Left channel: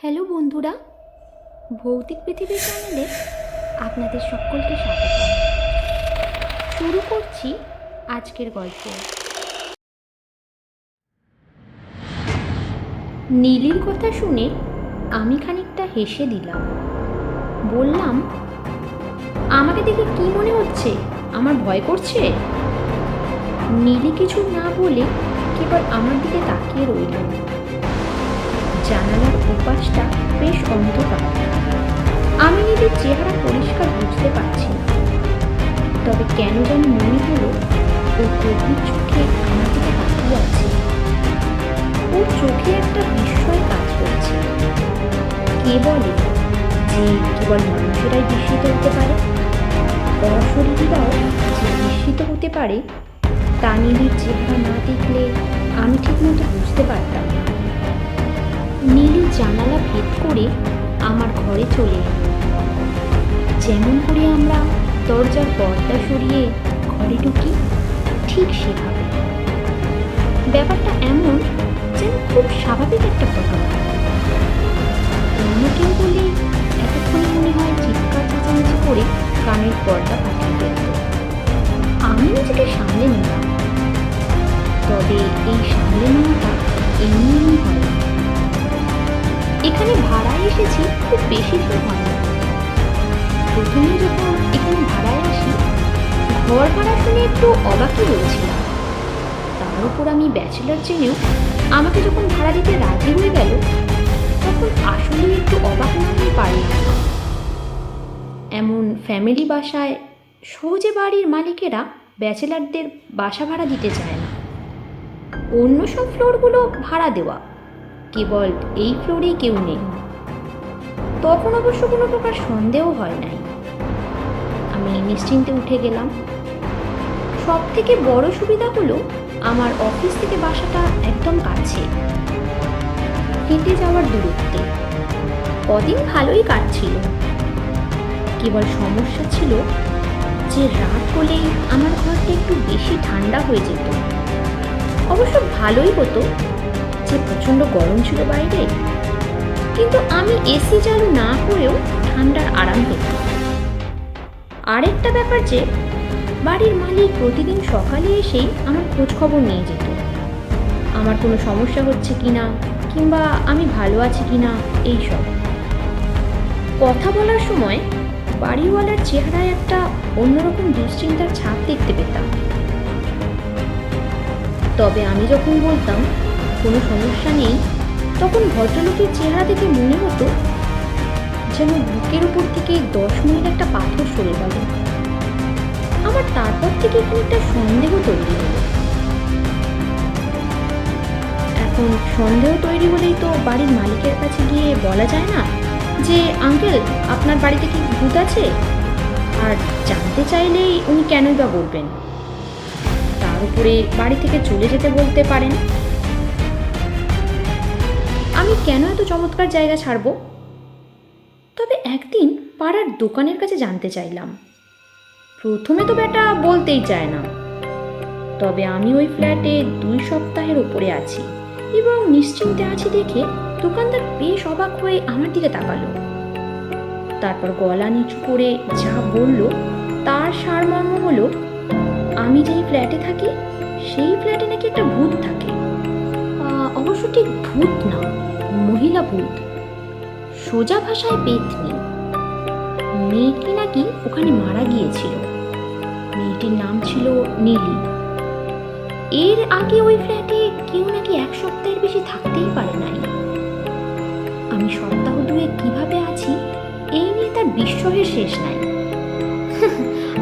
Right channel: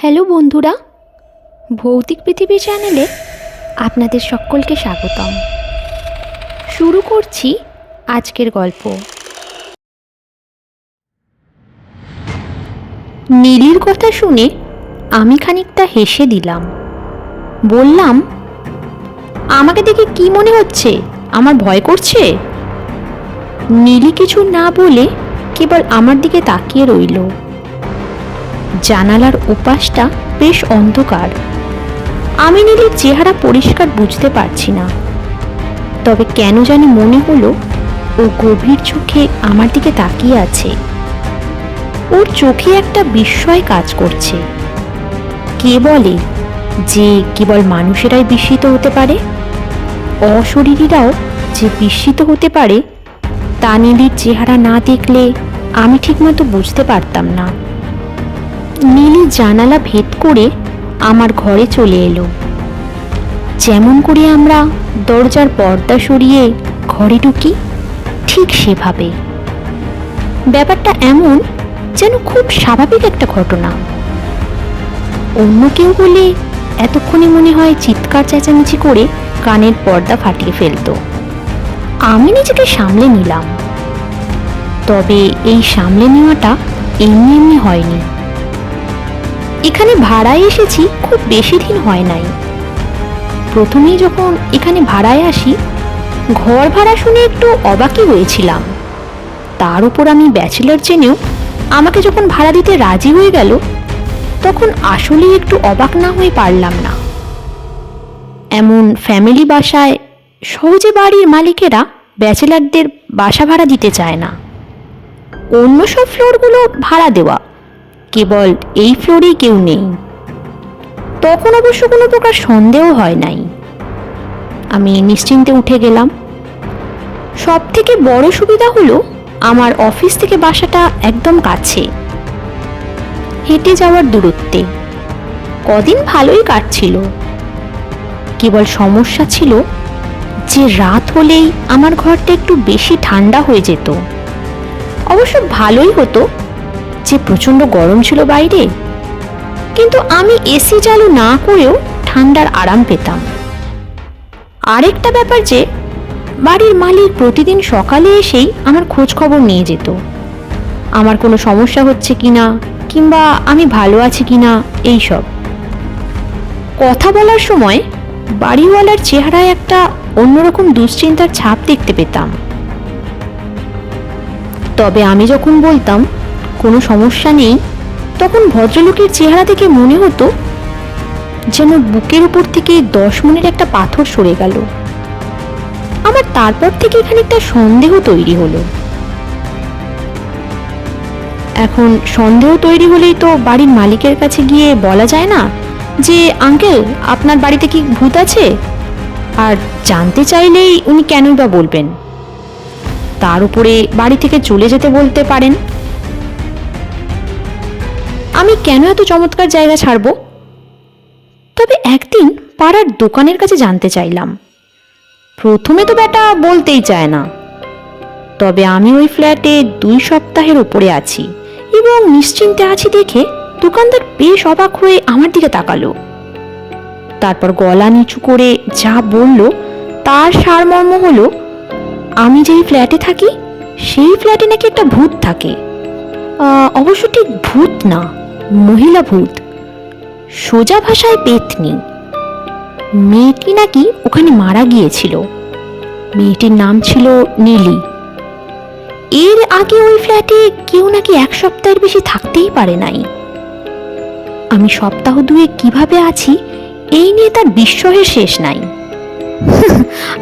Hello বন্ধুরা, ভৌতিক পৃথিবী চ্যানেলে আপনাদের সকলকে স্বাগতম। শুরু করছি আজকের গল্প। নীলির কথা শুনে আমি খানিকটা হেসে দিলাম। বললাম, আমাকে দেখে কি মনে হচ্ছে? আমার ভয় করছে? নীলি কিছু না বলে কেবল আমার দিকে তাকিয়ে রইল। জানালার ওপাশটা বেশ অন্ধকার। আমি নীলের চেহারা পরিষ্কার বুঝতে পারছি না। তবে কেন জানি মনে হলো, ও গভীর চোখে আমার দিকে তাকিয়ে আছে। ওর চোখে একটা বিস্ময় কাজ করছে। কে বলে যে কেবল মানুষেরাই বিস্মিত হতে পারে? অশরীরীরাও যে বিস্মিত হতে পারে, তা চেহারা না দেখলে আমি ঠিকমতো বুঝতে পারতাম না। নীলি জানালা ভেদ করে আমার ঘরে চলে এলো। যেমন করে আমরা দরজার পর্দা সরিয়ে ঘরে ঢুকি, ঠিক সেভাবে। ব্যাপারটা এমন যেন খুব স্বাভাবিক একটা ঘটনা। অন্য কেউ বলে এতক্ষণে মনে হয় চিৎকার চেঁচামেচি করে কানের পর্দা ফাটিয়ে ফেলতো। আমি নিজেকে সামলে নিলাম। তবে এই সামলে নেওয়াটা এমনি এমনি হয়নি। এখানে ভাড়ায় এসেছি খুব বেশি দিন হয় নাই। প্রথমেই যখন এখানে ভাড়ায় আসি, ঘর ভাড়া শুনে একটু অবাকই হয়েছিলাম। তার উপর আমি ব্যাচেলার জেনেও আমাকে যখন ভাড়া দিতে রাজি হয়ে গেল, তখন আসলেই একটু অবাক না হয়ে পারলাম না। এমন ফ্যামিলি বাসায় সহজে বাড়ির মালিকেরা ব্যাচেলারদের বাসা ভাড়া দিতে চায় না। অন্য সব ফ্লোরগুলো ভাড়া দেওয়া কেবল এই ফ্লোরেই কেউ নেই। তখন অবশ্য কোনো প্রকার সন্দেহ হয় নাই। আমি নিশ্চিন্তে উঠে গেলাম। সব থেকে বড় সুবিধা হলো আমার অফিস থেকে বাসাটা একদম কাছে। হেঁটে যাওয়ার দূরত্বে। কদিন ভালোই কাটছিল। কেবল সমস্যা ছিল যে রাত হলেই আমার ঘরটা একটু বেশি ঠান্ডা হয়ে যেত। অবশ্য ভালোই হতো। যে প্রচণ্ড গরম ছিল বাইরে, কিন্তু আমি এসি চালু না করেও ঠান্ডার আরাম পেতাম। আরেকটা ব্যাপার যে, বাড়ির মালিক প্রতিদিন সকালে এসেই আমার খোঁজ খবর নিয়ে যেত। আমার কোনো সমস্যা হচ্ছে কিনা কিংবা আমি ভালো আছি কিনা এই সব। কথা বলার সময় বাড়িওয়ালার চেহারায় একটা অন্যরকম দুশ্চিন্তার ছাপ দেখতে পেতাম। তবে আমি যখন বলতাম কোনো সমস্যা নেই, তখন ভদ্রলোকের চেহারা থেকে মনে হতো যেন বুকের উপর থেকে দশ মনের একটা পাথর সরে গেল। আমার তারপর থেকে খানিকটা সন্দেহ তৈরি হলো। এখন সন্দেহ তৈরি হলেই তো বাড়ির মালিকের কাছে গিয়ে বলা যায় না যে, আঙ্কেল, আপনার বাড়িতে কি ভূত আছে? আর জানতে চাইলেই উনি কেনই বা বলবেন। তার উপরে বাড়ি থেকে চলে যেতে বলতে পারেন। আমি কেন এত চমৎকার জায়গা ছাড়ব? তবে একদিন পাড়ার দোকানের কাছে জানতে চাইলাম। প্রথমে তো বেটা বলতেই চায় না। তবে আমি ওই ফ্ল্যাটে দুই সপ্তাহের ওপরে আছি এবং নিশ্চিন্তে আছি দেখে দোকানদার বেশ অবাক হয়ে আমার দিকে তাকালো। তারপর গলা নিচু করে যা বলল তার সারমর্ম হলো, আমি যেই ফ্ল্যাটে থাকি, সেই ফ্ল্যাটে নাকি একটা ভূত থাকে। অবশ্য ঠিক ভূত না। মহিলা ভূত। সোজা ভাষায় পেতনি। মেয়েটি নাকি ওখানে মারা গিয়েছিল। মেয়েটির নাম ছিল নীলি। এর আগে ওই ফ্ল্যাটে কেউ নাকি এক সপ্তাহের বেশি থাকতেই পারে নাই। আমি সপ্তাহ দুয়ে কীভাবে আছি, এই নিয়ে তার বিস্ময়ের শেষ নাই।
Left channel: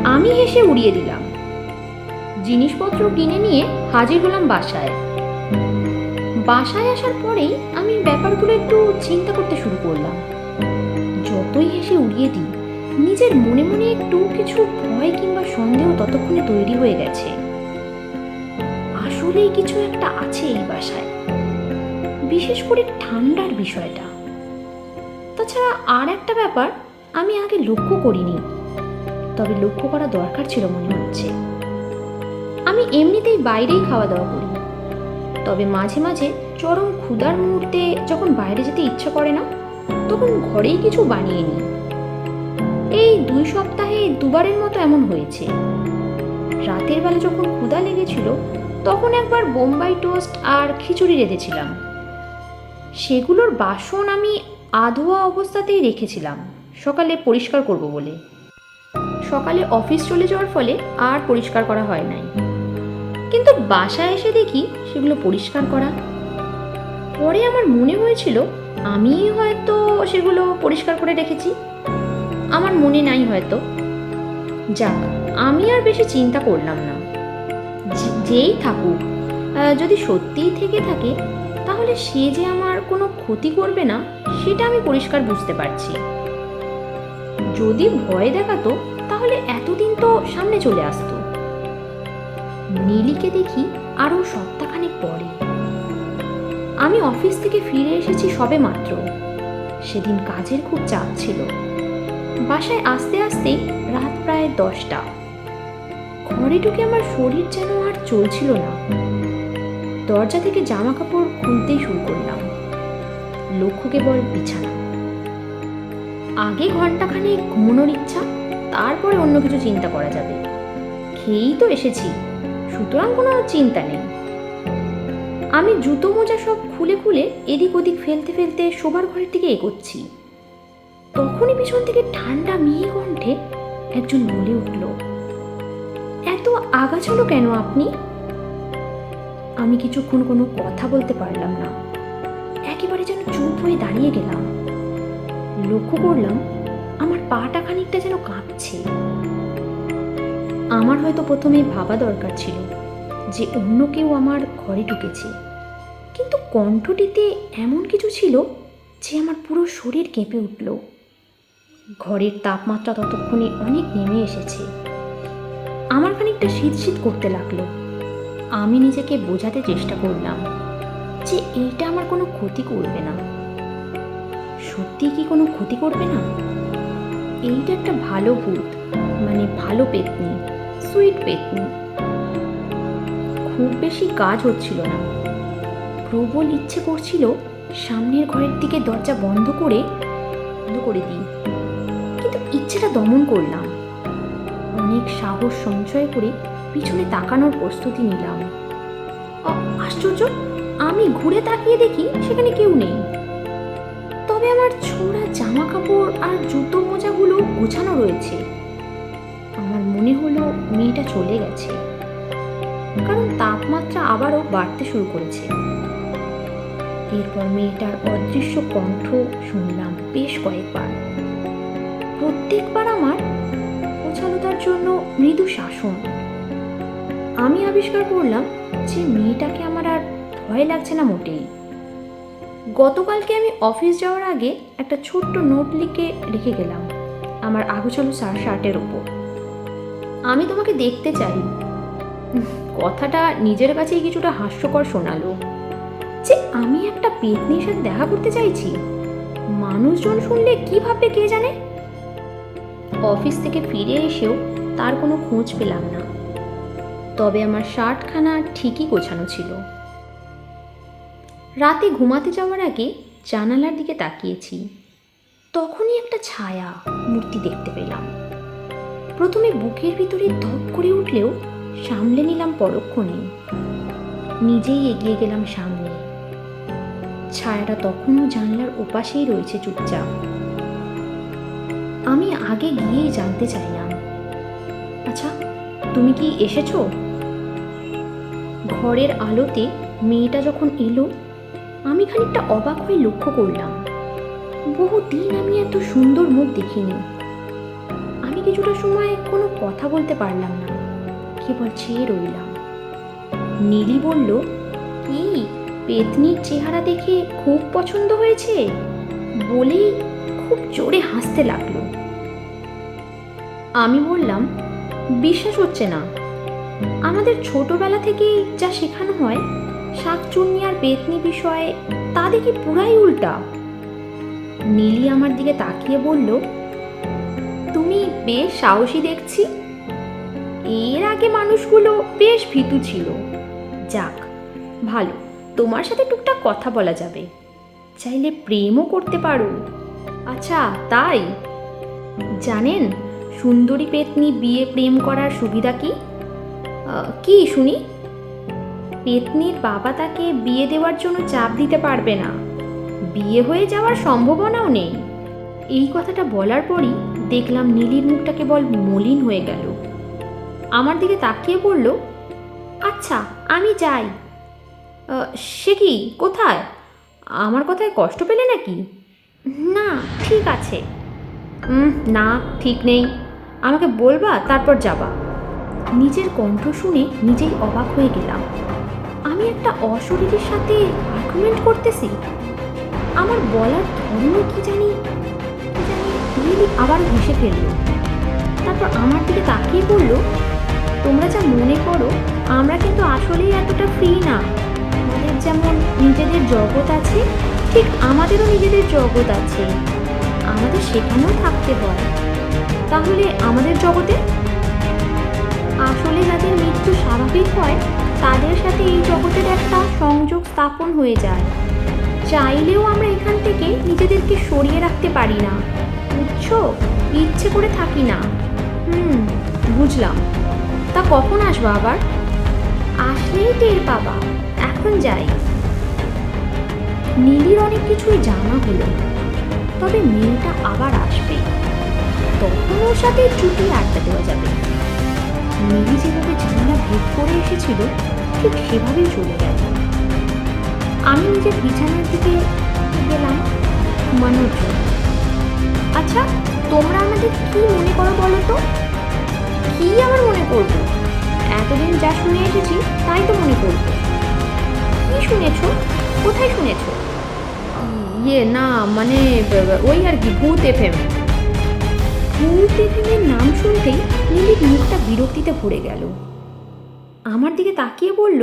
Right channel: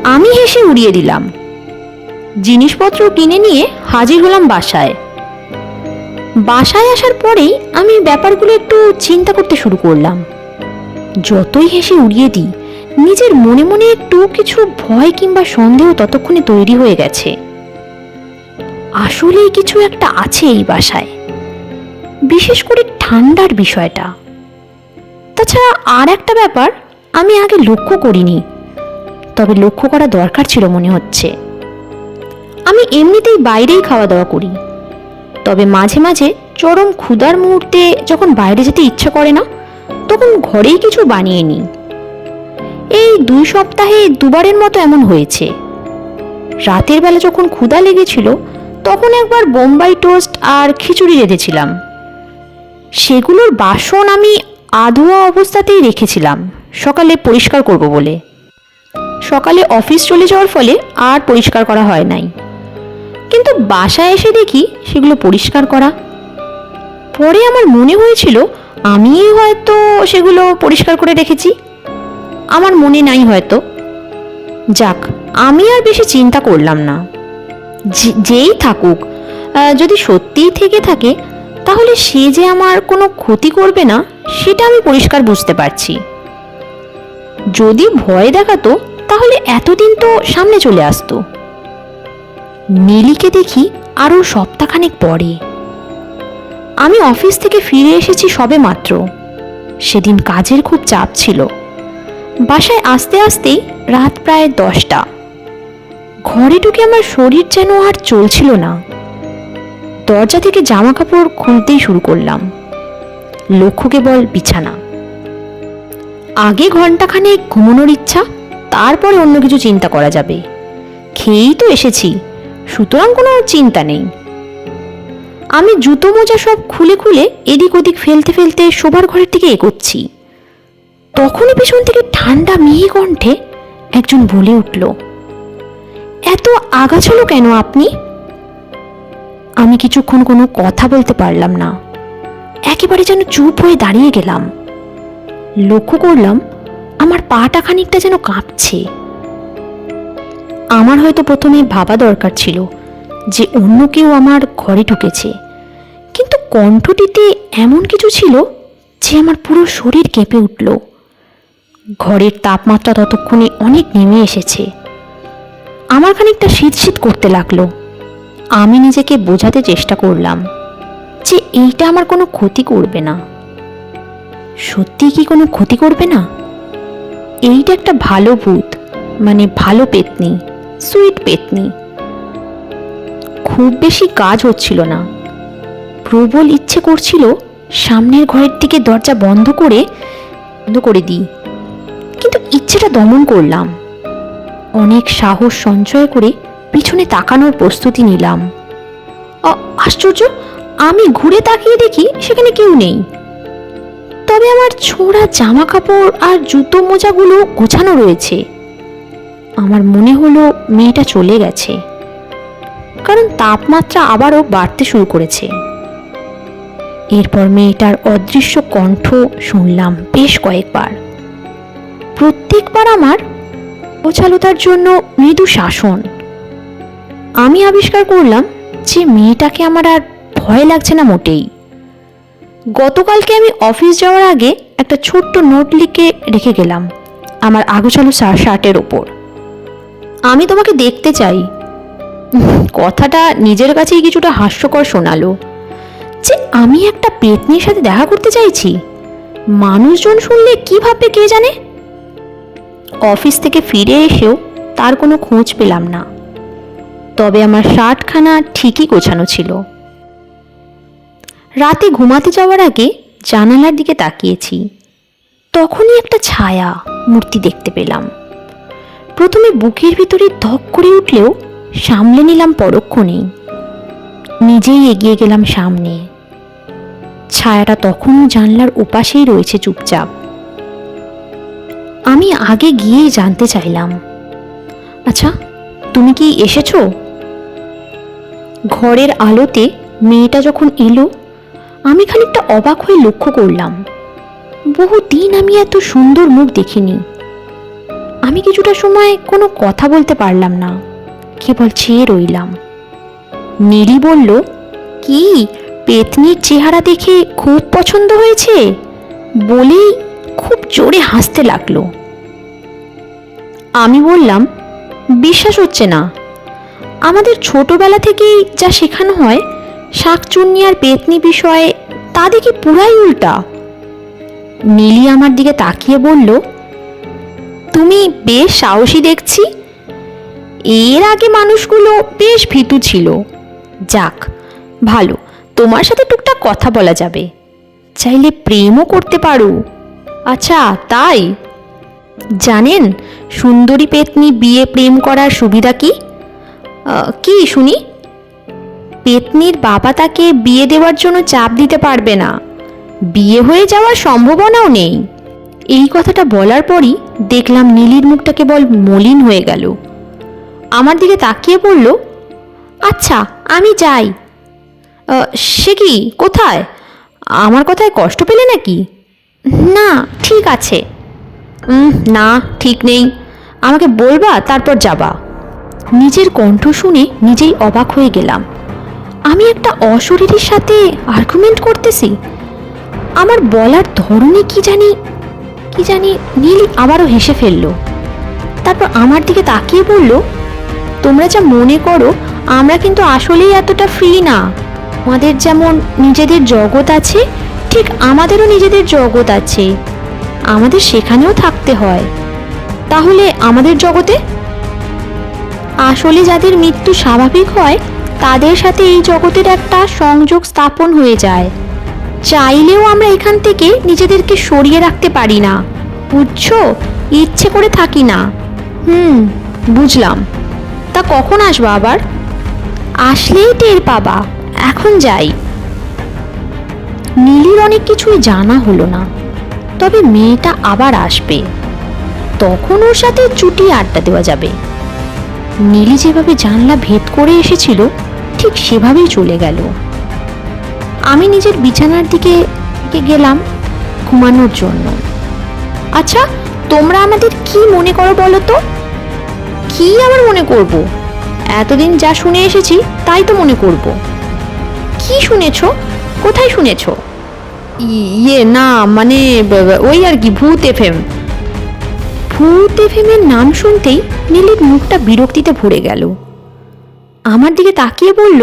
আমি হেসে উড়িয়ে দিলাম। জিনিসপত্র কিনে নিয়ে হাজির হলাম বাসায়। বাসায় আসার পরেই আমি ব্যাপারগুলো একটু চিন্তা করতে শুরু করলাম। যতই হেসে উড়িয়ে দিই, নিজের মনে মনে একটু কিছু ভয় কিংবা সন্দেহ ততক্ষণে তৈরি হয়ে গেছে। আসলেই কিছু একটা আছে এই বাসায়। বিশেষ করে ঠান্ডার বিষয়টা। তাছাড়া আর একটা ব্যাপার আমি আগে লক্ষ্য করিনি, তবে লক্ষ্য করা দরকার ছিল মনে হচ্ছে। আমি এমনিতেই বাইরেই খাওয়া দাওয়া করি। তবে মাঝে মাঝে চরম ক্ষুধার মুহূর্তে যখন বাইরে যেতে ইচ্ছা করে না, তখন ঘরেই কিছু বানিয়ে নিই। এই দুই সপ্তাহে দুবারের মতো এমন হয়েছে। রাতের বেলা যখন ক্ষুধা লেগেছিল, তখন একবার বোম্বাই টোস্ট আর খিচুড়ি রেঁধেছিলাম। সেগুলোর বাসন আমি আধোয়া অবস্থাতেই রেখেছিলাম, সকালে পরিষ্কার করব বলে। সকালে অফিস চলে যাওয়ার ফলে আর পরিষ্কার করা হয় নাই। কিন্তু বাসায় এসে দেখি সেগুলো পরিষ্কার করা। পরে আমার মনে হয়েছিল আমি হয়তো সেগুলো পরিষ্কার করে রেখেছি। আমার মনে নাই হয়তো। যাক, আমি আর বেশি চিন্তা করলাম না। যেই থাকুক যদি সত্যিই থেকে থাকে, তাহলে সে যে আমার কোনো ক্ষতি করবে না, সেটা আমি পরিষ্কার বুঝতে পারছি। যদি ভয় দেখাতো, তাহলে এতদিন তো সামনে চলে আসতো। নীলিকে দেখি আরও সপ্তাহখানেক পরে। আমি অফিস থেকে ফিরে এসেছি সবে মাত্র। সেদিন কাজের খুব চাপ ছিল। বাসায় আসতে আসতেই রাত প্রায় দশটা। ঘরে ঢুকে আমার শরীর যেন আর চলছিল না। দরজা থেকে জামা কাপড় খুলতেই শুরু করলাম। লক্ষ্য কেবল বিছানা। আগে ঘন্টাখানে ঘুমানোর ইচ্ছা, তারপরে অন্য কিছু চিন্তা করা যাবে। খেয়েই তো এসেছি। সুতরাং কোনো চিন্তা নেই। আমি জুতো মোজা সব খুলে খুলে এদিক ওদিক ফেলতে ফেলতে শোবার ঘরের দিকে এগোচ্ছি। তখনই পেছন থেকে ঠান্ডা মিহি কণ্ঠে একজন বলে উঠল, এত আগাছালো কেন আপনি? আমি কিছুক্ষণ কোনো কথা বলতে পারলাম না। একেবারে যেন চুপ হয়ে দাঁড়িয়ে গেলাম। লক্ষ্য করলাম আমার পাটা খানিকটা যেন কাঁপছে। আমার হয়তো প্রথমে ভাবা দরকার ছিল যে অন্য কেউ আমার ঘরে ঢুকেছে। কিন্তু কণ্ঠটিতে এমন কিছু ছিল যে আমার পুরো শরীর কেঁপে উঠল। ঘরের তাপমাত্রা ততক্ষণে অনেক নেমে এসেছে। আমার খানিকটা শীত শীত করতে লাগল। আমি নিজেকে বোঝাতে চেষ্টা করলাম যে এইটা আমার কোনো ক্ষতি করবে না। সত্যি কি কোনো ক্ষতি করবে না? এইটা একটা ভালো ভূত মানে ভালো পেতনি। সুইট পেতনি। খুব বেশি কাজ হচ্ছিল না। প্রবল ইচ্ছে করছিল সামনের ঘরের দিকে দরজা বন্ধ করে বন্ধ করে দিই। কিন্তু ইচ্ছেটা দমন করলাম। অনেক সাহস সঞ্চয় করে পিছনে তাকানোর প্রস্তুতি নিলাম। আশ্চর্য! আমি ঘুরে তাকিয়ে দেখি সেখানে কেউ নেই। তবে আমার ছোঁড়া জামা কাপড় আর জুতো মোজাগুলো গোছানো রয়েছে। আমার মনে হলো মেয়েটা চলে গেছে। কারণ তাপমাত্রা আবারও বাড়তে শুরু করেছে। এরপর মেয়েটার অদৃশ্য কণ্ঠ শুনলাম বেশ কয়েকবার। প্রত্যেকবার আমার গোছালতার জন্য মৃদু শাসন। আমি আবিষ্কার করলাম যে মেয়েটাকে আমার আর ভয় লাগছে না মোটেই। গতকালকে আমি অফিস যাওয়ার আগে একটা ছোট্ট নোট লিখে রেখে গেলাম আমার আগোছালো শার্টের ওপর। আমি তোমাকে দেখতে চাই। কথাটা নিজের কাছেই কিছুটা হাস্যকর শোনালো। যে আমি একটা পেতনির সাথে দেখা করতে চাইছি? মানুষজন শুনলে কি ভাববে কে জানে? অফিস থেকে ফিরে এসেও তার কোনো খোঁজ পেলাম না। তবে আমার শার্টখানা ঠিকই গোছানো ছিল। রাতে ঘুমাতে যাওয়ার আগে জানালার দিকে তাকিয়েছি। তখনই একটা ছায়া মূর্তি দেখতে পেলাম। প্রথমে বুকের ভিতরে ধক করে উঠলেও সামলে নিলাম পরক্ষণেই নিজেই এগিয়ে গেলাম সামনে। ছায়াটা তখনও জানলার ওপাশেই রয়েছে চুপচাপ। আমি আগে গিয়েই জানতে চাইলাম আচ্ছা তুমি কি এসেছ? ঘরের আলোতে মেয়েটা যখন এলো, আমি খানিকটা অবাক হয়ে লক্ষ্য করলাম। বহুদিন আমি এত সুন্দর মুখ দেখিনি। আমি কিছুটা সময় কোনো কথা বলতে পারলাম না। কেবল চেয়ে রইলাম। নীলি বলল, কি, পেতনির চেহারা দেখে খুব পছন্দ হয়েছে? বলেই খুব জোরে হাসতে লাগল। আমি বললাম, বিশ্বাস হচ্ছে না। আমাদের ছোটবেলা থেকেই যা শেখানো হয়, শাকচুন্নি আর পেতনি বিষয়ে, তা দেখি পুরাই উল্টা। নীলি আমার দিকে তাকিয়ে বলল তুমি বেশ সাহসী দেখছি। এর আগে মানুষগুলো বেশ ভীতু ছিল। যাক, ভালো, তোমার সাথে টুকটাক কথা বলা যাবে। চাইলে প্রেমও করতে পারো। আচ্ছা তাই? জানেন, সুন্দরী পেতনি বিয়ে প্রেম করার সুবিধা কি? কি, শুনি? পেতনির বাবা তাকে বিয়ে দেওয়ার জন্য চাপ দিতে পারবে না। বিয়ে হয়ে যাওয়ার সম্ভাবনাও নেই। এই কথাটা বলার পরই দেখলাম নীলির মুখটা কেবল মলিন হয়ে গেল। আমার দিকে তাকিয়ে বলল আচ্ছা আমি যাই। সে কি, কোথায়? আমার কথায় কষ্ট পেলে নাকি? না, ঠিক আছে। না, ঠিক নেই। আমাকে বলবা, তারপর যাবা। নিজের কণ্ঠ শুনে নিজেই অবাক হয়ে গেলাম। আমি একটা অশরীরীর সাথে আর্গুমেন্ট করতেছি। আমার বলার ধরনে কি জানি কি জানি নীল আবারও হেসে ফেলল। তারপর আমার দিকে তাকিয়ে বলল, তোমরা যা মনে করো, আমরা কিন্তু আসলেই এতটা ফ্রি না। আমাদের যেমন নিজেদের জগৎ আছে, ঠিক আমাদেরও নিজেদের জগৎ আছে। আমাদের সেখানেও থাকতে হয়। তাহলে আমাদের জগতে? আসলে যাদের মৃত্যু স্বাভাবিক হয়, তাদের সাথে এই জগতের একটা সংযোগ স্থাপন হয়ে যায়। চাইলেও আমরা এখান থেকে নিজেদেরকে সরিয়ে রাখতে পারি না। বুঝছ? ইচ্ছে করে থাকি না। হুম, বুঝলাম। তা কখন আসব আবার? আসলেই টের পাবা। এখন যাই। নীলির অনেক কিছুই জানা হলো না। তবে মেয়েটা আবার আসবে। তখন ওর সাথে চুটি আড্ডা দেওয়া যাবে। নীলি যেভাবে জানলা ভেদ করে এসেছিল, ঠিক সেভাবেই চলে গেল। আমি নিজের বিছানার দিকে গেলাম ঘুমানোর জন্য। আচ্ছা তোমরা আমাদের কি মনে করো বলো তো? কি আমার মনে করব? এতদিন যা শুনে এসেছি, তাই তো মনে করব। কি শুনেছ? কোথায় শুনেছ? ইয়ে না মানে ওই আর কি, ভূত এফএম। ভূত এফএমের নাম শুনতেই নীলির মুখটা বিরক্তিতে ভরে গেল। আমার দিকে তাকিয়ে বলল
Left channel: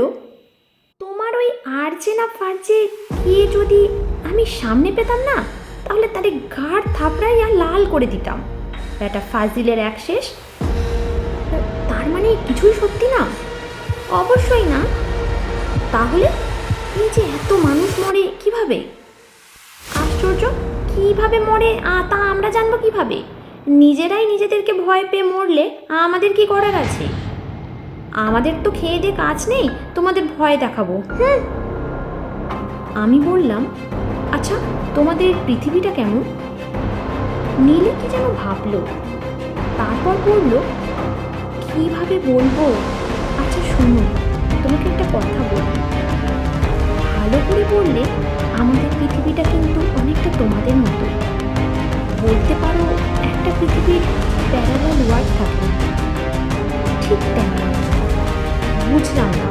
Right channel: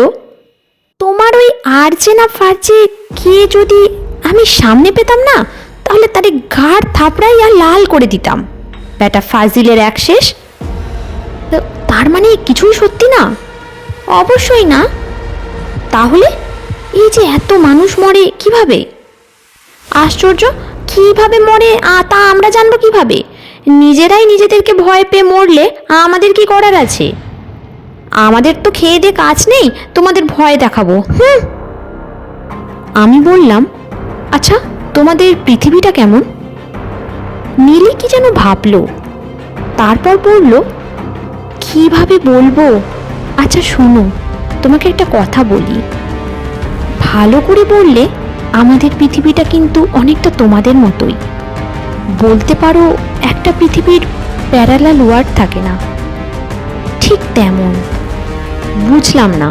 তোমার ওই আরজে না ফারজে কে যদি আমি সামনে পেতাম না, তাহলে তারে ঘাড় থাপড়াই আর লাল করে দিতাম। ব্যাটা ফাজিলের এক শেষ। তার মানে কিছুই সত্যি না? অবশ্যই না। তাহলে এই যে এত মানুষ মরে কীভাবে? আশ্চর্য, কীভাবে মরে তা আমরা জানব কীভাবে? নিজেরাই নিজেদেরকে ভয় পেয়ে মরলে আমাদের কি করার আছে? আমাদের তো খেয়ে দিয়ে কাজ নেই, তোমাদের ভয় দেখাবো। হুম। আমি বললাম আচ্ছা তোমাদের পৃথিবীটা কেমন? নীলি কি যেন ভাবলো। তারপর বলল, কীভাবে বলব? আচ্ছা শোনো, তোমাকে একটা কথা বলি। ভালো করে বললে, আমাদের পৃথিবীটা কিন্তু অনেকটা তোমাদের মতোই। বলতে পারো, একটা পৃথিবীর প্যারালাল ওয়ার্ড থাকে না। ঠিক তেমন। বুঝলাম না।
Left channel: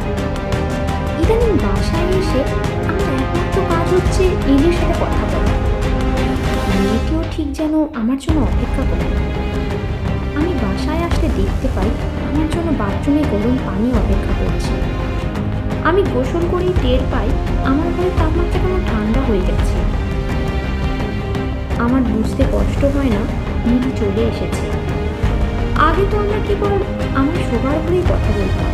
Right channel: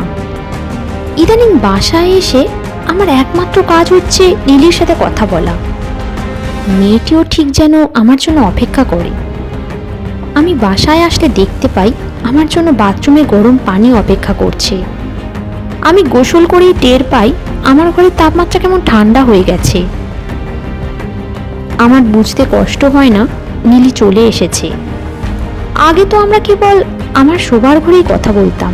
ইদানিং বাসায় এসে আমার একমাত্র কাজ হচ্ছে নীলির সাথে কথা বলা। মেয়েটিও ঠিক যেন আমার জন্য অপেক্ষা করে। আমি বাসায় আসলে দেখতে পাই আমার জন্য বাথরুমে গরম পানি অপেক্ষা করছে। আমি গোসল করেই টের পাই আমার ঘরের তাপমাত্রা কেমন ঠান্ডা হয়ে গেছে। আমার বুঝতে কষ্ট হয় না নীলি চলে এসেছে। আগে তো আমরা কেবল আমার শোবার ঘরেই কথা বলতাম।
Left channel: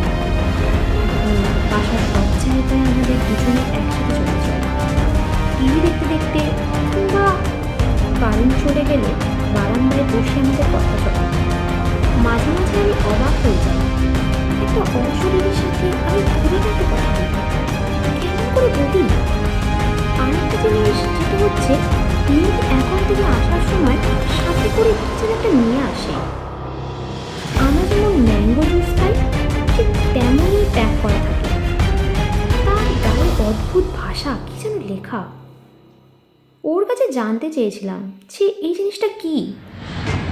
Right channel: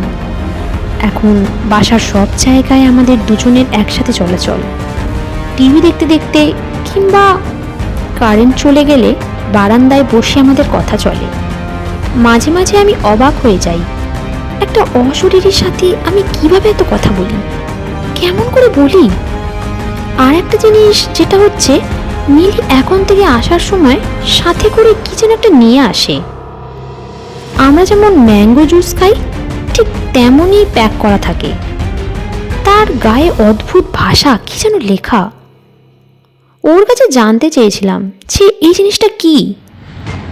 এখন বাসার সব জায়গায় আমাদের দুজনের একসাথে চলাচল। টিভি দেখতে দেখতে কিংবা কারেন্ট চলে গেলে বারান্দায় বসে আমাদের কথা চলে। মাঝে মাঝে আমি অবাক হয়ে যাই। একটা অশরীরের সাথে আমি কীভাবে এত কথা বলি? কেমন করে বলি? আর একটা জিনিস যেটা হচ্ছে নীলি এখন থেকে আসার সময় সাথে করে কি যেন একটা নিয়ে আসে। আমরা যেমন ম্যাঙ্গো জুস খাই ঠিক তেমনই প্যাক করা থাকে। তার গায়ে অদ্ভুত ভাষা, কি যেন লেখা। ওর কাছে জানতে চেয়েছিলাম যে এই জিনিসটা কি?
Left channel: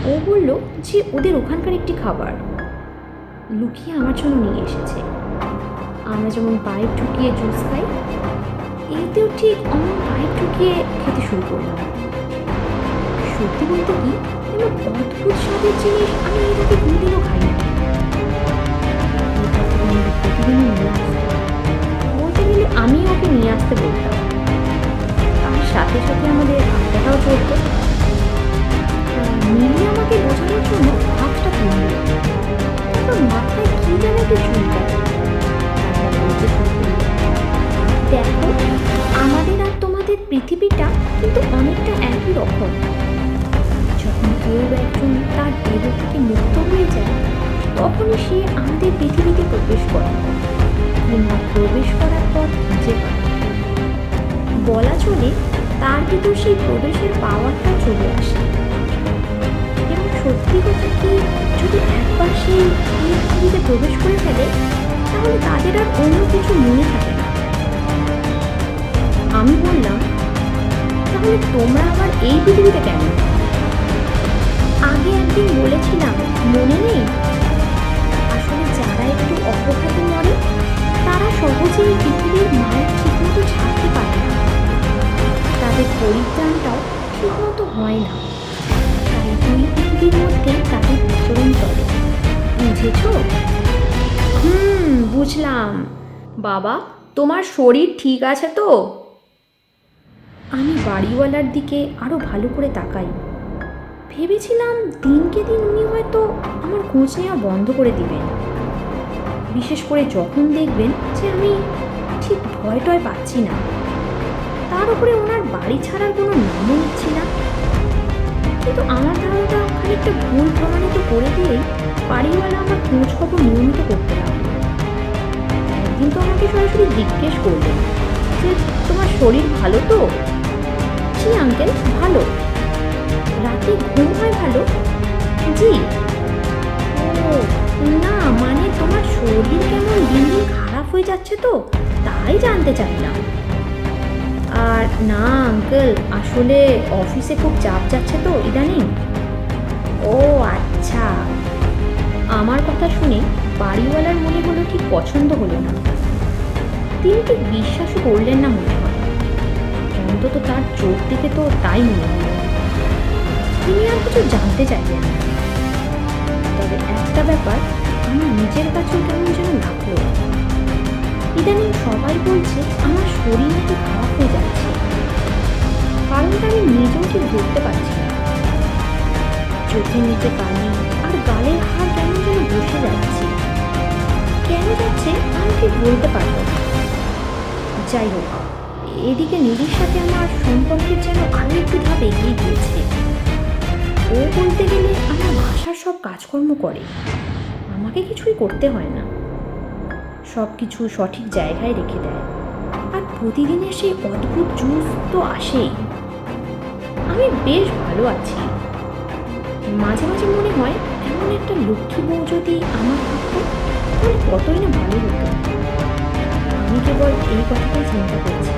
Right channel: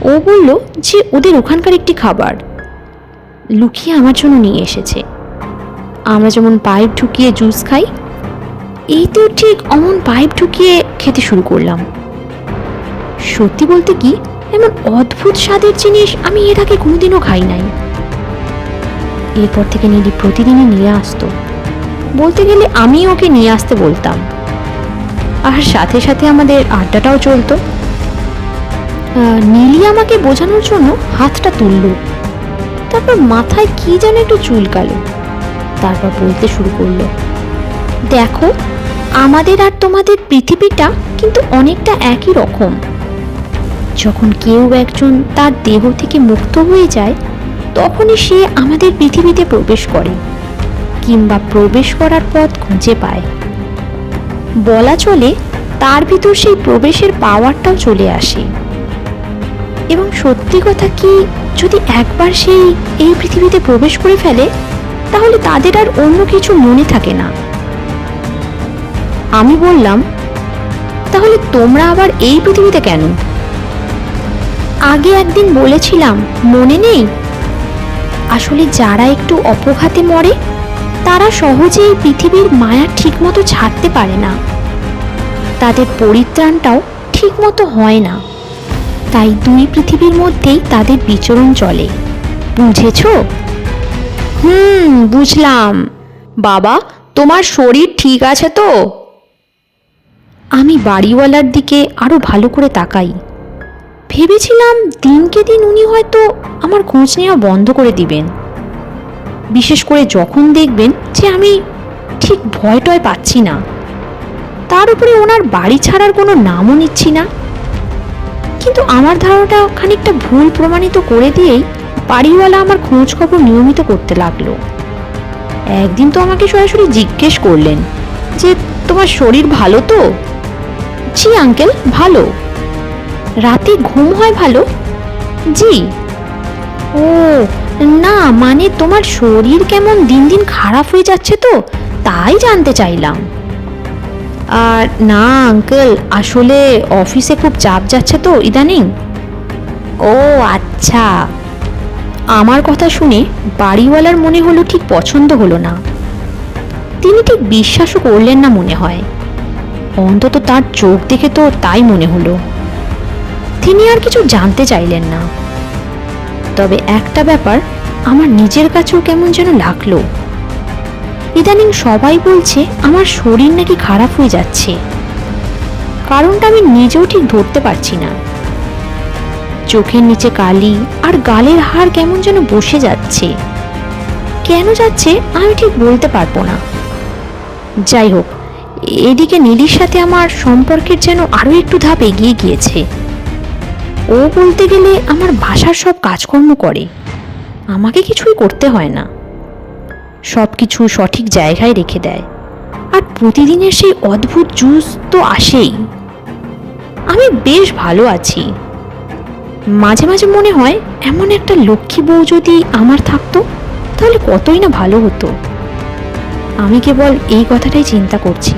ও বলল যে ওদের ওখানকার একটি খাবার। লুকিয়ে আমার জন্য নিয়ে এসেছে। আমরা যেমন পাইপ ঢুকিয়ে জুস খাই এইতেও ঠিক অমন পাইপ ঢুকিয়ে খেতে শুরু করলাম। সত্যি বলতে কি, এমন অদ্ভুত স্বাদের জিনিস আমি এর আগে কোনোদিনও খাই নাই। এরপর থেকে নীলি প্রতিদিনই নিয়ে আসতো। বলতে গেলে আমি ওকে নিয়ে আসতে বলতাম। আর সাথে সাথে আমাদের আড্ডাটাও চলতো। নীলি আমাকে বোঝানোর জন্য হাতটা তুলল। তারপর মাথায় কি যেন একটু চুলকালো। তারপর বলতে শুরু করল, দেখো, আমাদের আর তোমাদের পৃথিবীটা কিন্তু অনেকটা একই রকম। যখন কেউ একজন তার দেহ থেকে মুক্ত হয়ে যায় তখনই সে আমাদের পৃথিবীতে প্রবেশ করে, কিংবা প্রবেশ করার পথ খুঁজে পায়। বলা চলে, তার ভিতর সেই প্রবেশের পাওয়ারটাও চলে আসে। এবং সত্যি কথা কি, যদি একবার সেই এই পৃথিবীতে প্রবেশ করে ফেলে, তাহলে তাদের আর অন্য কিছু মনে থাকে না। আমি বললাম, তাহলে তোমরা আবার এই পৃথিবীতে কেন? আগে একদিন বলেছিলাম, মনে নেই? আসলে যারা একটু অপঘাতে মরে, তারা সহজেই পৃথিবীর মায়া ঠিকমতো ছাড়তে পারে না। তাদের পরিত্রাণটাও ঠিকমতো হয় না। তাই দুই পৃথিবীর মধ্যেই তাদের বিচরণ চলে। বুঝেছ? হুম, বুঝলাম। বাবা, তোমার শরীর ঠিক আছে তো? আমি বাড়িওয়ালার দিকে আরও ভালো করে তাকাই। ভেবেছিলাম দিনকে দিন উনি হয়তো আমার খোঁজ নেওয়া বন্ধ করে দিবেন। বিশেষ করে যখন দেখবেন যে আমি ঠিক ভয় টয় পাচ্ছি না। তার উপরে ওনার বাড়ি ছাড়ার কোনো নামও নিচ্ছি না। কিন্তু আমার ধারণাটা খানিকটা ভুল প্রমাণিত করে দিয়েই বাড়িওয়ালা আমার খোঁজ খবর নিয়মিত করতে লাগল। একদিন তো আমাকে সরাসরি জিজ্ঞেস করলেন যে, তোমার শরীর ভালো তো? জি আঙ্কেল, ভালো। রাতে ঘুম হয় ভালো? জি। ও, না মানে তোমার শরীর কেমন দিন দিন খারাপ হয়ে যাচ্ছে তো, তাই জানতে চাইলাম। আর না, আঙ্কেল, আসলে অফিসে খুব চাপ যাচ্ছে তো, ইদানিং। ও আচ্ছা। আমার কথা শুনে বাড়িওয়ালার মনে হলো ঠিক পছন্দ হলো না। তিনি ঠিক বিশ্বাসও করলেন না মনে হয়। অন্তত তার চোখ দেখে তো তাই মনে হলো। তিনি আর কিছু জানতে চাইলেন না। তবে একটা ব্যাপার আমার নিজের কাছেও কেমন যেন লাগল। ইদানিং সবাই বলছে আমার শরীর নাকি খারাপ হয়ে যাচ্ছে। কারণটা আমি নিজেও ঠিক ধরতে পারছি না। চোখের নিচে কালি আর গালের হাড় কেমন যেন বসে যাচ্ছে। কেন যাচ্ছে আমি ঠিক বলতে পারব না। যাই হোক, এদিকে নীলির সাথে আমার সম্পর্কের যেন আরও একটু ধাপ এগিয়ে গিয়েছে। ও বলতে গেলে আমার ভাষার সব কাজকর্ম করে। আমাকে কিছুই করতে হয় না। সব কিছু সঠিক জায়গায় রেখে দেয়। আর প্রতিদিনের সেই অদ্ভুত জুস তো আসেই। আমি বেশ ভালো আছি। মাঝে মাঝে মনে হয় এমন একটা লক্ষ্মী বউ যদি আমার থাকতো, তাহলে কতই না ভালো হতো। আমি কেবল এই কথাটাই চিন্তা করছি।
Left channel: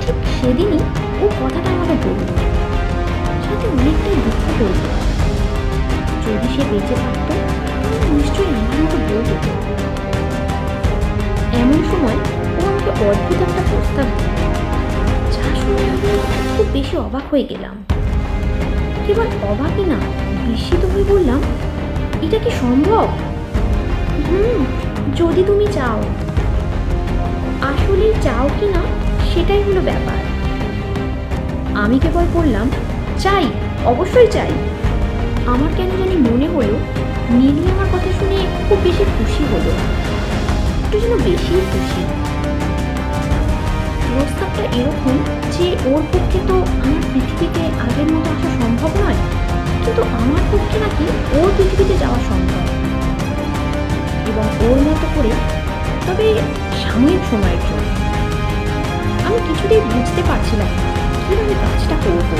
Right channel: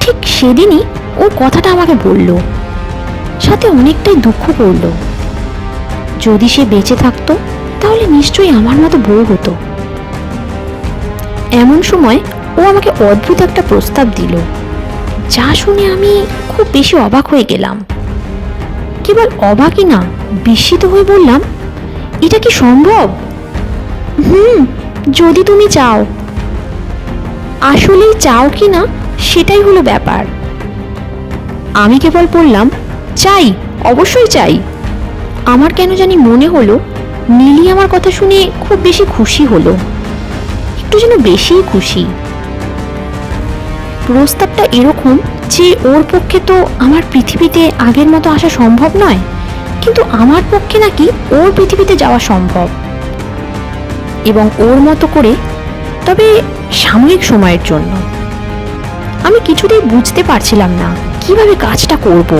ঠিক সেদিনই ও কথাটা আমাকে বলল। সাথে অনেকটাই দুঃখ করল। যদি সে বেঁচে থাকতো, তাহলে নিশ্চয়ই আমার মতো বউ হতো। এমন সময় ও আমাকে অদ্ভুত একটা প্রস্তাব দিল, যা শুনে আমি খুব বেশি অবাক হয়ে গেলাম। কেবল অবাকই না, বিস্মিত হয়ে বললাম, এটা কি সম্ভব? হুম, যদি তুমি চাও। আসলেই চাও কি না, সেটাই হলো ব্যাপার। আমি কেবল বললাম চাই, অবশ্যই চাই। আমার কেন জানি মনে হলো নীলি আমার কথা শুনে খুব বেশি খুশি হলো। একটু যেন বেশিই খুশি। প্রস্তাবটা এরকম যে ওর পক্ষে তো আমার পৃথিবীতে আগের মতো আসা সম্ভব নয়, কিন্তু আমার পক্ষে নাকি ওর পৃথিবীতে যাওয়া সম্ভব। এবং ওর মতো করে, তবে সাময়িক সময়ের জন্য। আমি কিছুতেই বুঝতে পারছিলাম না কীভাবে কাজটা করব।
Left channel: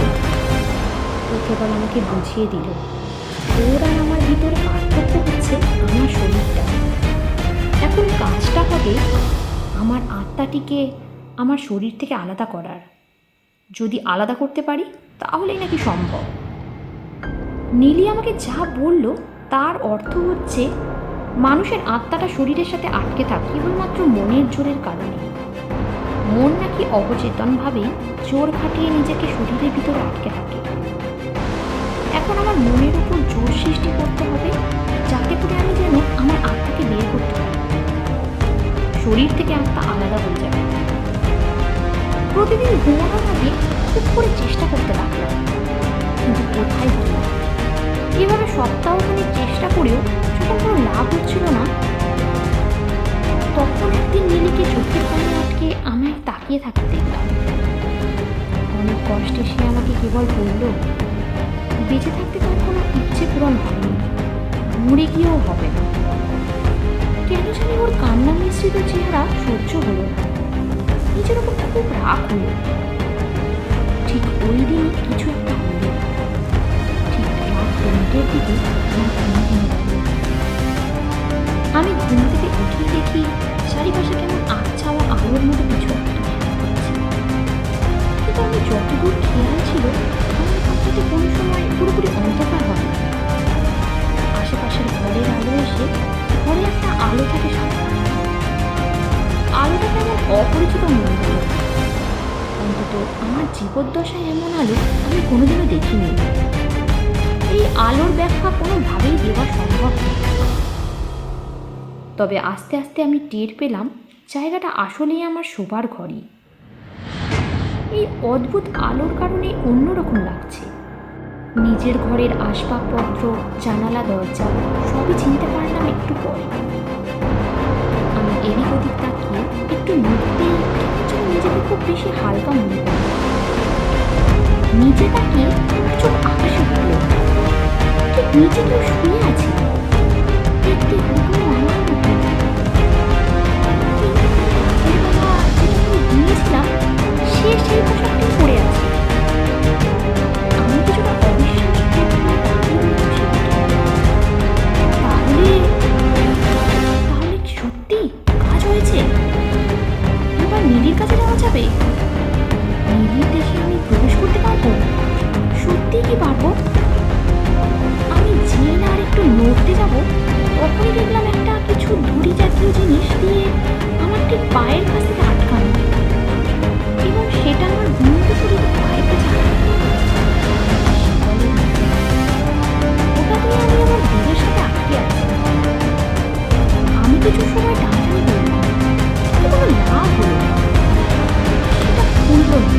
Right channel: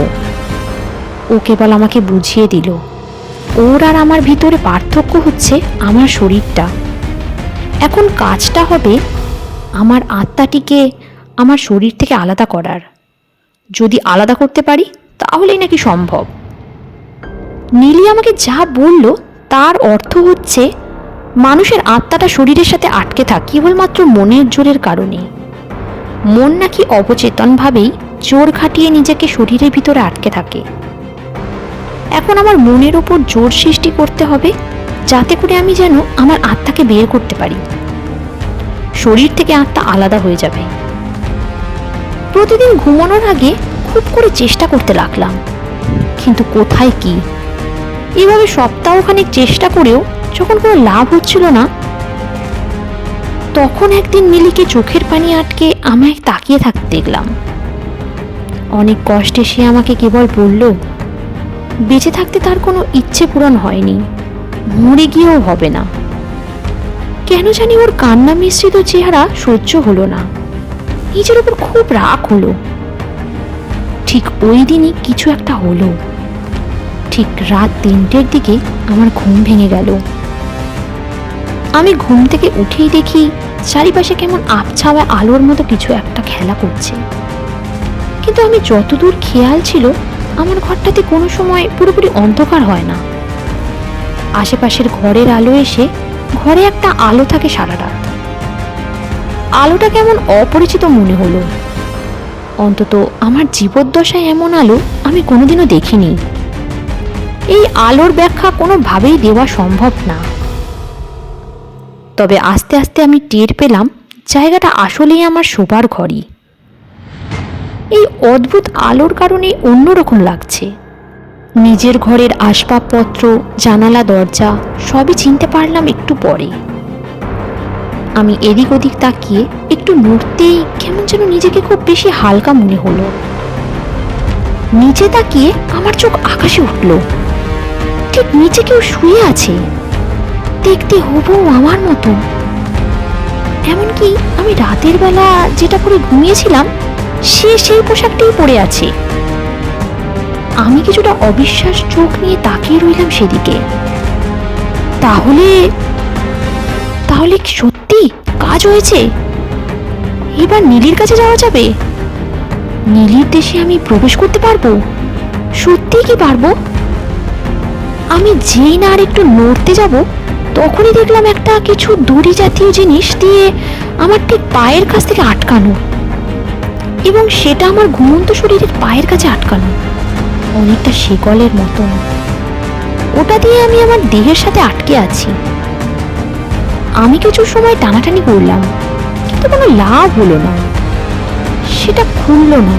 ও কেবল আমাকে বুঝিয়ে দিল। ওর আর আমার ভিতরে পার্থক্য হচ্ছে আমার শরীরটা। এখন কাজটা হবে আমার আত্মাটিকে আমার শরীর থেকে আলাদা করার। যদি আলাদা করতে পারি, তাহলেই নাকি সম্ভব। নীলি আমাকে যা বলল, তার অর্থ হচ্ছে মানুষের আত্মাটা শরীরের সাথে আটকে থাকে কেবলমাত্র মনের জোরের কারণে মন নাকি অবচেতনভাবেই জোর খাটিয়ে নিজেকে শরীরের ভিতরে আটকে থাকে। এখন আমার মনের ওপর জোর সৃষ্টি করতে হবে, যাতে করে আমি যেন আমার আত্মাকে বের করতে পারি। শরীর থেকে আত্মা আলাদা হয়ে যাবে। প্রতিদিন ঘুমানোর আগে খুব করে চেষ্টা করতে লাগলাম, কিন্তু কোথায় কি? এভাবে সপ্তাহখানেক চেষ্টা করেও যখন কোনো লাভ হচ্ছিল না, তখন একদিন নীলিকে চোখের পানি আটকে আমায় তাকিয়ে থাকতে দেখলাম। অনেক কষ্টে সে আমাকে কেবল বলল বেঁচে থাকতে তার কোনো ইচ্ছে পূরণ হয়নি। মরে গিয়েও হবে না। কেন জানি ওর কান্না মিশ্রিত চেহারা সহ্য হলো না। নিজের উপর খুব রাগ হলো। ঠিক ওই দিনই কিছু একটা হলো। ঠিক রাত তিনটের দিকে আমার ঘুম ভেঙে গেল। আমি ঘুম থেকে উঠেই দেখি চারিপাশে কেমন আবছাওয়া আলোর মতো কিছু একটা খেলা করছে। কিন্তু আমি যতদূর খেয়াল ছিল আমার ঘরটাতে কোনো সময় পুরোপুরি অন্ধকার হয় না। আশেপাশের ঘরের আলো এসে ঘরে একটা আলো থাকে সারা রাত আলোটা কেমন অপরিচিত মনে হলো। অন্তত আমার জীবদ্দশায় এমন আলো আমি কোনোদিনও দেখিনি। এই আলোর ব্যাখ্যা কোনোভাবেই দেওয়া সম্ভব না। তবে আস্তে আস্তে আমি টের পেলাম, জায়গাটা আসলেই আমার শোবার ঘরই। এই অদ্ভুত আলোর কারণে অন্যরকম লাগছে। নিজের ঘরের আসবাবপত্র, জানালা, দরজা, সবই চিনতে পারলাম একটু পরে। আমি এদিক ওদিক তাকিয়ে একটু নড়তেই কেমন যেন নিজেকে খুব বেশি হালকা মনে হলো। নিচে তাকিয়ে আমার চোখ আকাশে উঠল। ঠিক নিচে কেউ শুয়ে আছে। দেখতে হবু আমার মতো এমনকি আমি রাতের বেলা যেটা করে ঘুমিয়েছিলাম সে সেই পোশাকটাই পরে আছে। আমি কিছুটা অবিশ্বাস চোখ নিয়ে তাকিয়ে রইলাম সেদিকে। তাহলে তাহলে সত্যি কাজ হয়েছে? এবার নীলির কাছে যাওয়া যাবে? নীলির দেশে আমি প্রবেশ করতে পারব? সত্যি কি পারব? আমি যেই না আর একটু নড়তে যাব, তখনই দেখলাম একটা কিছু দড়ি জাতীয় জিনিস দিয়ে আমার ঠিক পায়ের কাছ থেকে আটকানো। এবং সেটা আমার ঘুমন্ত শরীরের পায়ের কাছে আটকানো। অনেকটা শিকলের মতন। ওটা দিয়ে আমি আমার দেহের সাথে আটকে আছি। আমি কিছু সময় টানাটানি করলাম, কিন্তু কোনো লাভ হলো না। সেটা খুললো না,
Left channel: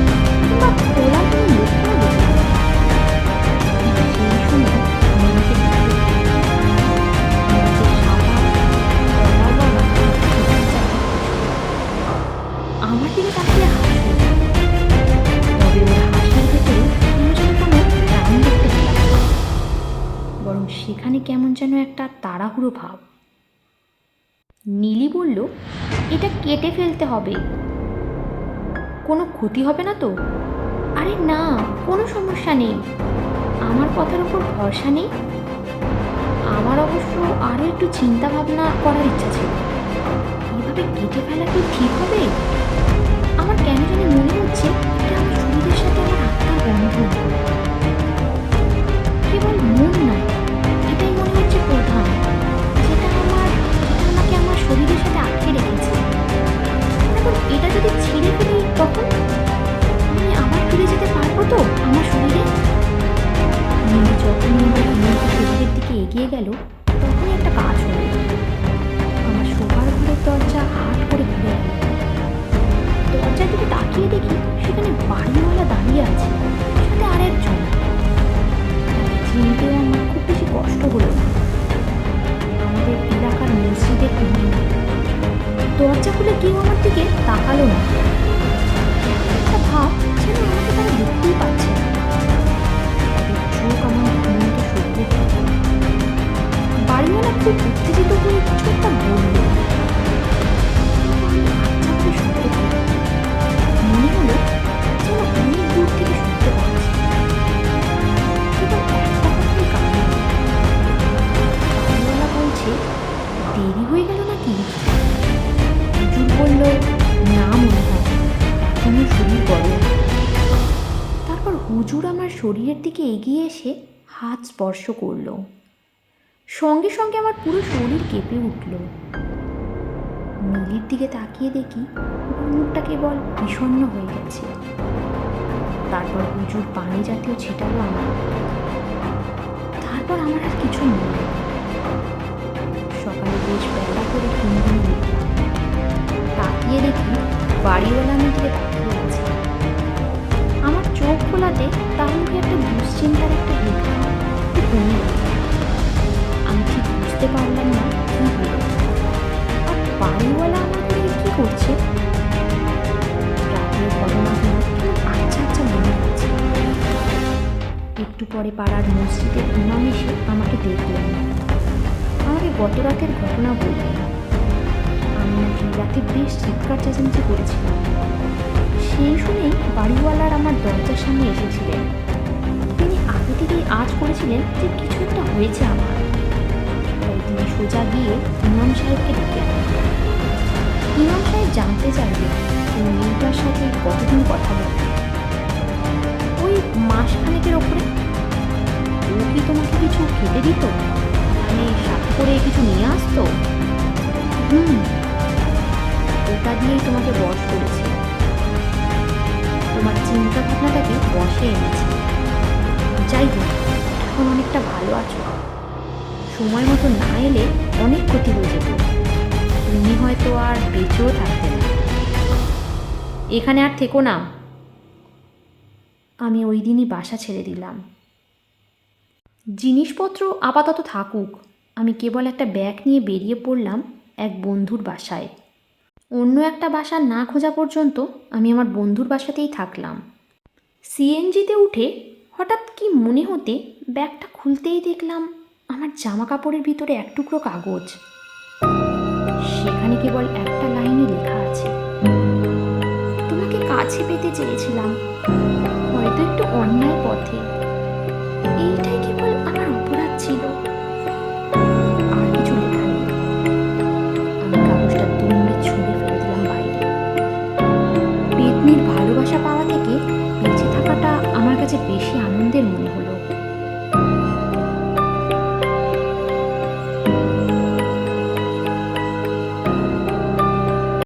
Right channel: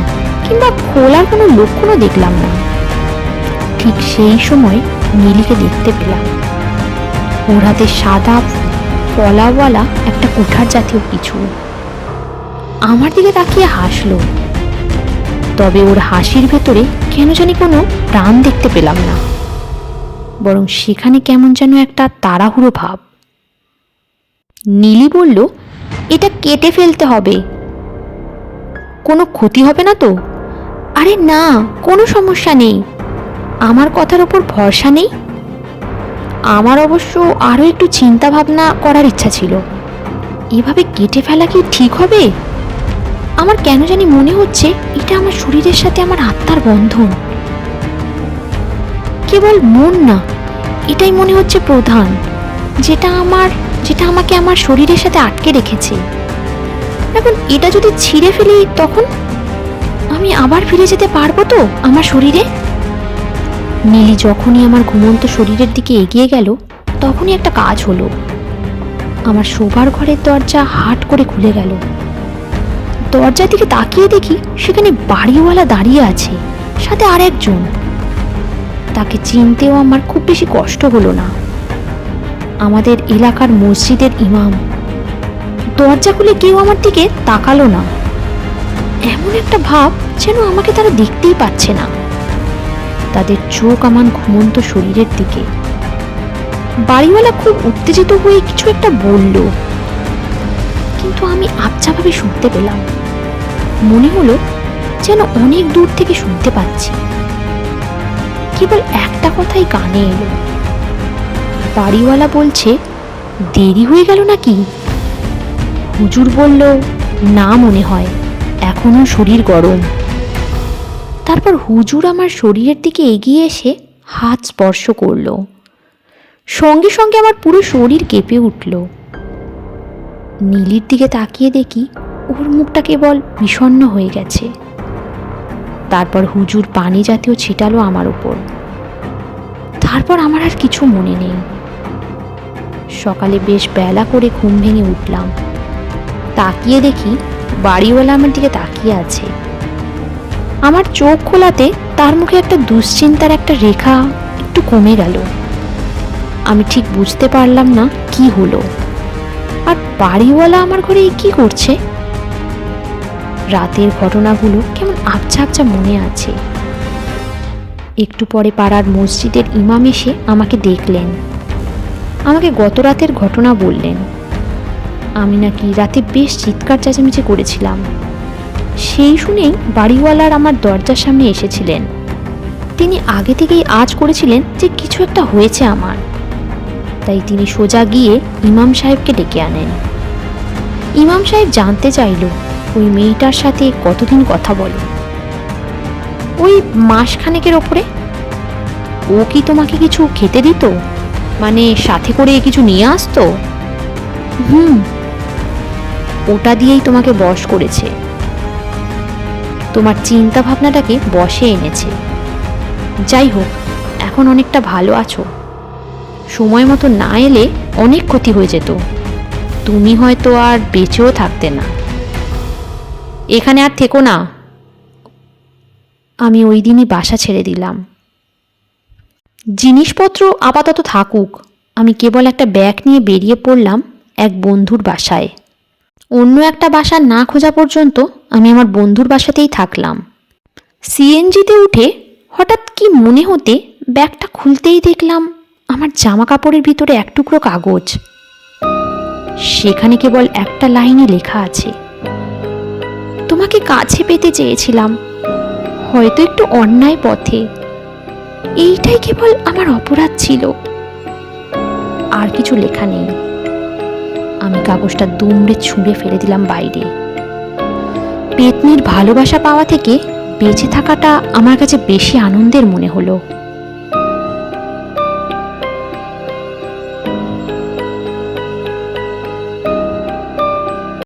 কিংবা খোলার কোনো লক্ষণও দেখলাম না। ঠিক সেই সময় নীলিকে দেখতে পেলাম। ওর হাতে সাদা পলাওয়ালা একটা কুঠার জাতীয় কিছু আমার দিকে তাকিয়ে হাসলো। তবে ওর হাসির ভেতরে কেন জানি কোনো প্রাণ দেখতে পেলাম না। বরং সেখানে কেমন যেন একটা তাড়াহুড়ো ভাব। নীলি বলল, এটা কেটে ফেলতে হবে। কোনো ক্ষতি হবে না তো? আরে না, কোনো সমস্যা নেই। আমার কথার ওপর ভরসা নেই? আমার অবশ্য আরও একটু চিন্তা ভাবনা করার ইচ্ছা ছিল। এভাবে কেটে ফেলা কি ঠিক হবে? আমার কেন জানি মনে হচ্ছে এটা আমার শরীরের সাথে আমার আত্মার বন্ধন। কেবল মন না, এটাই মনে হচ্ছে প্রধান, যেটা আমার, যেটা আমাকে আমার শরীরের সাথে আটকে রেখেছে। এখন এটা যদি ছিঁড়ে ফেলি তখন আমি আবার ফিরে যেতে পারব তো আমার শরীরে? নীলি যখনই আমার ঘুমন্ত শরীরের দিকে এগিয়ে গেল, তখনই একটা কাজ হলো। আমার শোবার ঘরের দরজা হাট করে খুলে গেল। দরজার দিকে তাকিয়ে দেখি সেখানে বাড়িওয়ালা দাঁড়িয়ে আছে, সাথে আর একজন তাকে চিনতেও আমার খুব বেশি কষ্ট হলো না। আমাদের এলাকার মসজিদের ইমাম। দরজা খুলে কেউ আমার দিকে তাকালো না। এমন একটা ভাব যেন আমাকে তারা দেখতেই পাচ্ছে না। তাদের চোখ আমার ঘুমন্ত শরীরের দিকে। বাড়িওয়ালা খুব উত্তেজিত হয়ে কিছু একটা বলল। কিন্তু আমি আবছাভাবে শুনতে পেলাম। মনে হলো যেন অনেক দূর থেকে শুনতে পাচ্ছি। কেবল একটা কথাই কানে এলো। বাড়িওয়ালা বলছে, দেরি হয়ে গেল নাকি? হুজুর বলল, না মনে হয়, এখনও শরীর গরম। তারপর হুজুর আমার শরীরের দিকে এগিয়ে এসে হাত স্পর্শ করল। সঙ্গে সঙ্গে আমার পুরো শরীর কেঁপে উঠল। নীলির দিকে তাকিয়ে দেখি ওর মুখটা কেবল বিষণ্ণ হয়ে গেছে। তারপর হুজুর পানি জাতীয় ছিটালো আমার উপর। তারপর আমার আর কিছু মনে নেই। সকালে বেশ বেলা করে ঘুম ভেঙে উঠলাম। তাকিয়ে দেখি বাড়িওয়ালা আমার দিকে তাকিয়ে আছে। আমার চোখ খোলাতে তার মুখে একটা দুশ্চিন্তার একটা রেখা একটু কমে গেল। আমি ঠিক বুঝতে পারলাম না কি হলো। আর বাড়িওয়ালা আমার ঘরে কি করছে? রাতের ঘটনাগুলো কেমন আবছা আবছা মনে আছে। একটু পরে পাড়ার মসজিদের ইমাম এসে আমাকে দেখলেন। আমাকে গত রাতের ঘটনা বললেন। আমি নাকি রাতে বেশ চিৎকার চেঁচামেচি করেছিলাম। সেই শুনেই বাড়িওয়ালার আমার দরজার সামনে এসেছিলেন। তিনি আগে থেকেই আজ করেছিলেন যে কিছু একটা হয়েছে আমার। তাই তিনি সোজা গিয়ে ইমাম সাহেবকে ডেকে আনেন। ইমাম সাহেব জানতে চাইল, ওই মেয়েটার সাথে কতদিন কথা বলে? ওই মাসখানেকের ওপরে? ও কি তোমাকে কিছু খেতে দিত? মানে সাথে করে কিছু নিয়ে আসতো? হুম, ওটা দিয়েই তোমাকে বশ করেছে। তোমার চিন্তা ভাবনাটাকে বসে এনেছে। যাই হোক, এখন অনেকটা ভালো আছো। সময় মতো না এলে অনেক ক্ষতি হয়ে যেত। তুমি হয়তো আর বেঁচেও থাকতে না। এখানে আর থেকো না। আমি ওই দিনই বাসা ছেড়ে দিলাম। জিনিসপত্র আপাতত থাকুক। আমি কেবল একটা ব্যাগ নিয়ে বেরিয়ে পড়লাম এক বন্ধুর বাসায়। অন্য একটা বাসা না খোঁজা পর্যন্ত আমি আমার বন্ধুর বাসাতেই থাকলাম। সিএনজিতে উঠে হঠাৎ কি মনে হতে ব্যাগটা খুলতেই দেখলাম আমার জামা কাপড়ের ভিতরে এক টুকরো কাগজ। সেখানে কেবল একটা লাইনে লেখা আছে। তোমাকে কাছে পেতে চেয়েছিলাম। হয়তো একটু অন্যায় পথে। এইটাই কেবল আমার অপরাধ ছিল। আর কিছু লেখা নেই। আমি কাগজটা দুমড়ে ছুঁড়ে ফেলে দিলাম বাইরে। পেতনির ভালোবাসা পাওয়া থেকে বেঁচে থাকাটা আমার কাছে বেশি আনন্দের মনে হলো।